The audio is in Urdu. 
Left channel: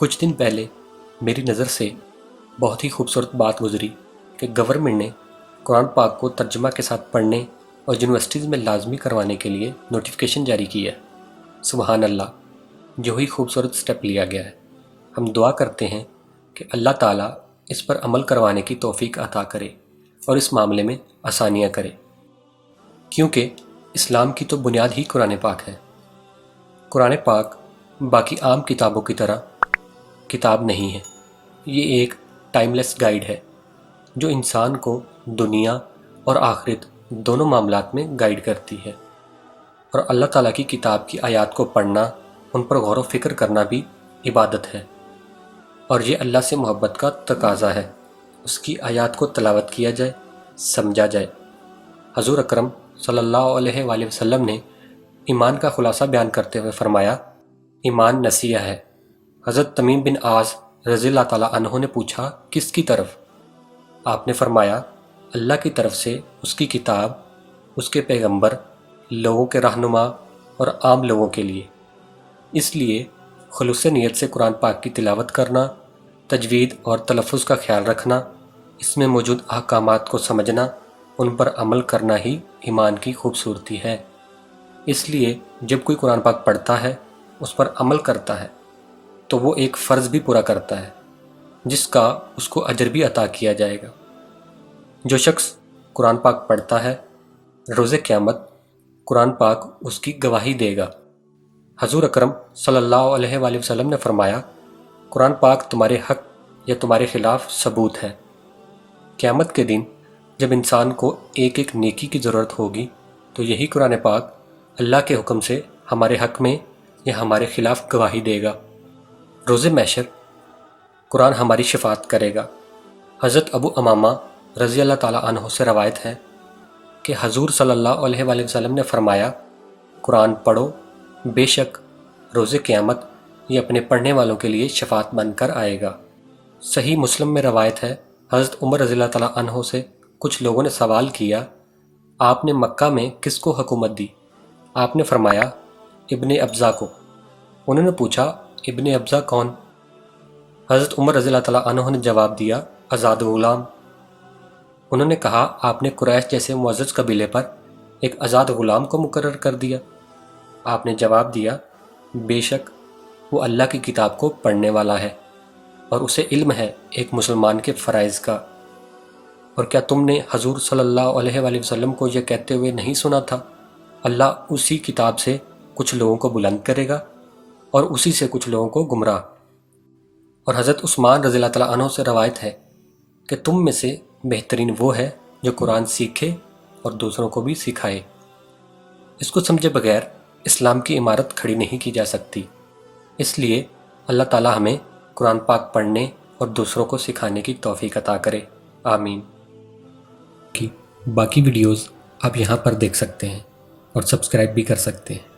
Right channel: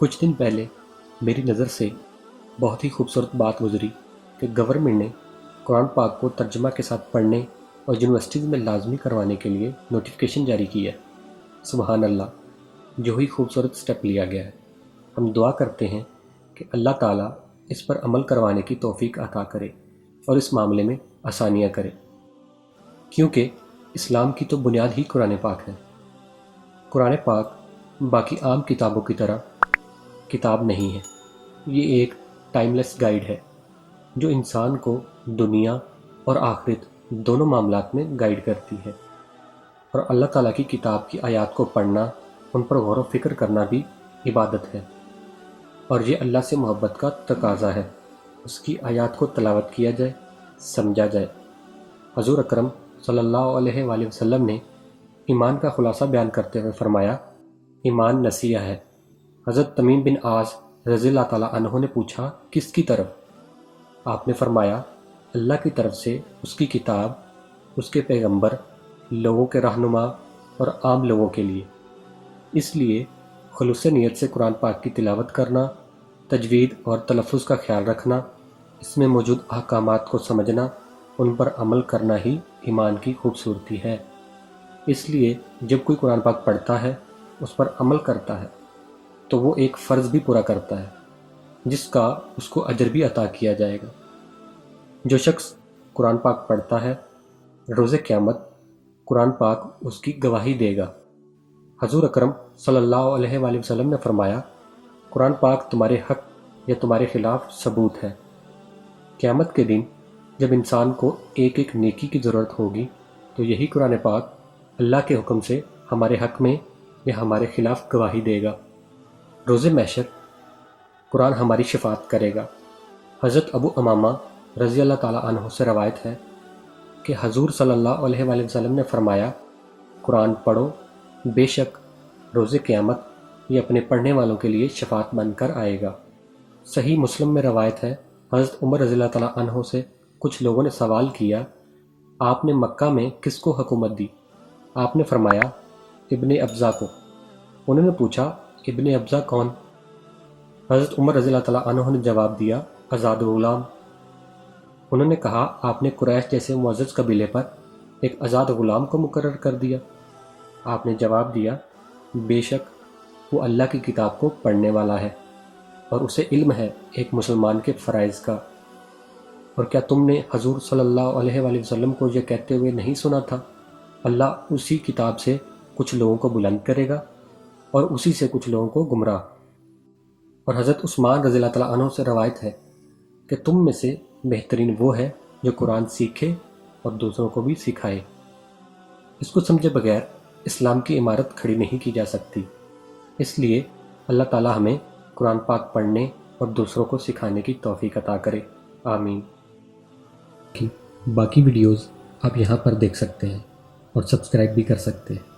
کچھ دن پہلے میری نظر سے بہت ہی خوبصورت بات گزری کہ گورنمنٹ نے قرآن پاک کو ترجمہ کے ساتھ پڑھنے اور یونیورسٹیز میں لازمی کروانے کے لیے نوٹیفیکیشن جاری کی ہے۔ سبحان اللہ، جو ہی خوبصورت سٹیپ لیا گیا ہے۔ ہم دعا کرتے ہیں کہ اللہ تعالیٰ اس پر عمل کروانے کی توفیق عطا کرے اور اس معاملے میں آسانیاں کرے، کیونکہ اسلام کی تو بنیاد ہی قرآن پاک ہے۔ قرآن پاک باقی عام کتابوں کی طرح کتاب نہیں ہے، یہ ایک ٹائم لیس گائیڈ ہے جو انسان کو دنیا اور آخرت دونوں معاملات میں گائیڈ کرتی ہے۔ اور اللہ تعالیٰ کی کتاب کی آیات کو پڑھنا، ان پر غور و فکر کرنا بھی عبادت ہے، اور یہ اللہ سے محبت کا تقاضا ہے۔ اس کی آیات کو تلاوت کیا جائے، سمجھا جائے۔ حضور اکرم صلی اللہ علیہ وآلہ وسلم نے ایمان کا خلاصہ بیان کرتے ہوئے فرمایا، ایمان نصیحہ ہے۔ حضرت تمیم بن عاص رضی اللہ تعالیٰ عنہ نے پوچھا، کس کی طرف؟ آپ نے فرمایا، اللہ کی طرف سے، اس کی کتاب، اس کے پیغمبر، لوگوں کے رہنما اور عام لوگوں کے لیے۔ اس لیے خلوص نیت سے قرآن پاک کی تلاوت کرنا، تجوید اور تلفظ کا خیال رکھنا، اس میں موجود احکامات کو سمجھنا، ان پر عمل کرنا ہی ایمان کی خوبصورتی ہے۔ اس لیے جب کوئی قرآن پاک پڑھتا ہے، اس پر عمل کرتا ہے، تو وہ ایک فرض بھی پورا کرتا ہے جس کا اس کو اجر بھی عطا کیا جائے گا۔ جو شخص قرآن پاک پڑھتا ہے، روز قیامت قرآن پاک اس کی گواہی دے گا۔ حضور اکرم صلی اللہ علیہ وآلہ وسلم نے فرمایا، قرآن پاک تمہارے حق یا تمہارے خلاف ثبوت ہے۔ قیامت کے دن جب انسان کو ایک ایک نیکی کی ضرورت ہوگی، تو یہی قرآن پاک اللہ کے حکم سے ہمارے حق میں یا ہمارے خلاف گواہی دے گا۔ روز محشر قرآن ہماری شفاعت کرے گا۔ حضرت ابو امامہ رضی اللہ تعالیٰ عنہ سے روایت ہے کہ حضور صلی اللہ علیہ وآلہ وسلم نے فرمایا، قرآن پڑھو، بے شک روز قیامت یہ اپنے پڑھنے والوں کے لیے شفاعت بن کر آئے گا۔ صحیح مسلم میں روایت ہے، حضرت عمر رضی اللہ تعالیٰ عنہ سے کچھ لوگوں نے سوال کیا، آپ نے مکہ میں کس کو حکومت دی؟ آپ نے فرمایا، ابن ابزا کو۔ انہوں نے پوچھا، ابن ابزا کون؟ حضرت عمر رضی اللہ تعالیٰ عنہ نے جواب دیا، آزاد غلام۔ انہوں نے کہا، آپ نے قریش جیسے معزز قبیلے پر ایک آزاد غلام کو مقرر کر دیا؟ آپ نے جواب دیا، بے شک وہ اللہ کی کتاب کو پڑھنے والا ہے اور اسے علم ہے ایک مسلمان کے فرائض کا۔ اور کیا تم نے حضور صلی اللہ علیہ وآلہ وسلم کو یہ کہتے ہوئے نہیں سنا تھا، اللہ اسی کتاب سے کچھ لوگوں کو بلند کرے گا اور اسی سے کچھ لوگوں کو گمراہ۔ اور حضرت عثمان رضی اللہ تعالیٰ عنہ سے روایت ہے کہ تم میں سے بہترین وہ ہے جو قرآن سیکھے اور دوسروں کو بھی سکھائے۔ اس کو سمجھے بغیر اسلام کی عمارت کھڑی نہیں کی جا سکتی۔ اس لیے اللہ تعالیٰ ہمیں قرآن پاک پڑھنے اور دوسروں کو سکھانے کی توفیق عطا کرے، آمین۔ باقی ویڈیوز آپ یہاں پر دیکھ سکتے ہیں اور سبسکرائب بھی کر سکتے ہیں۔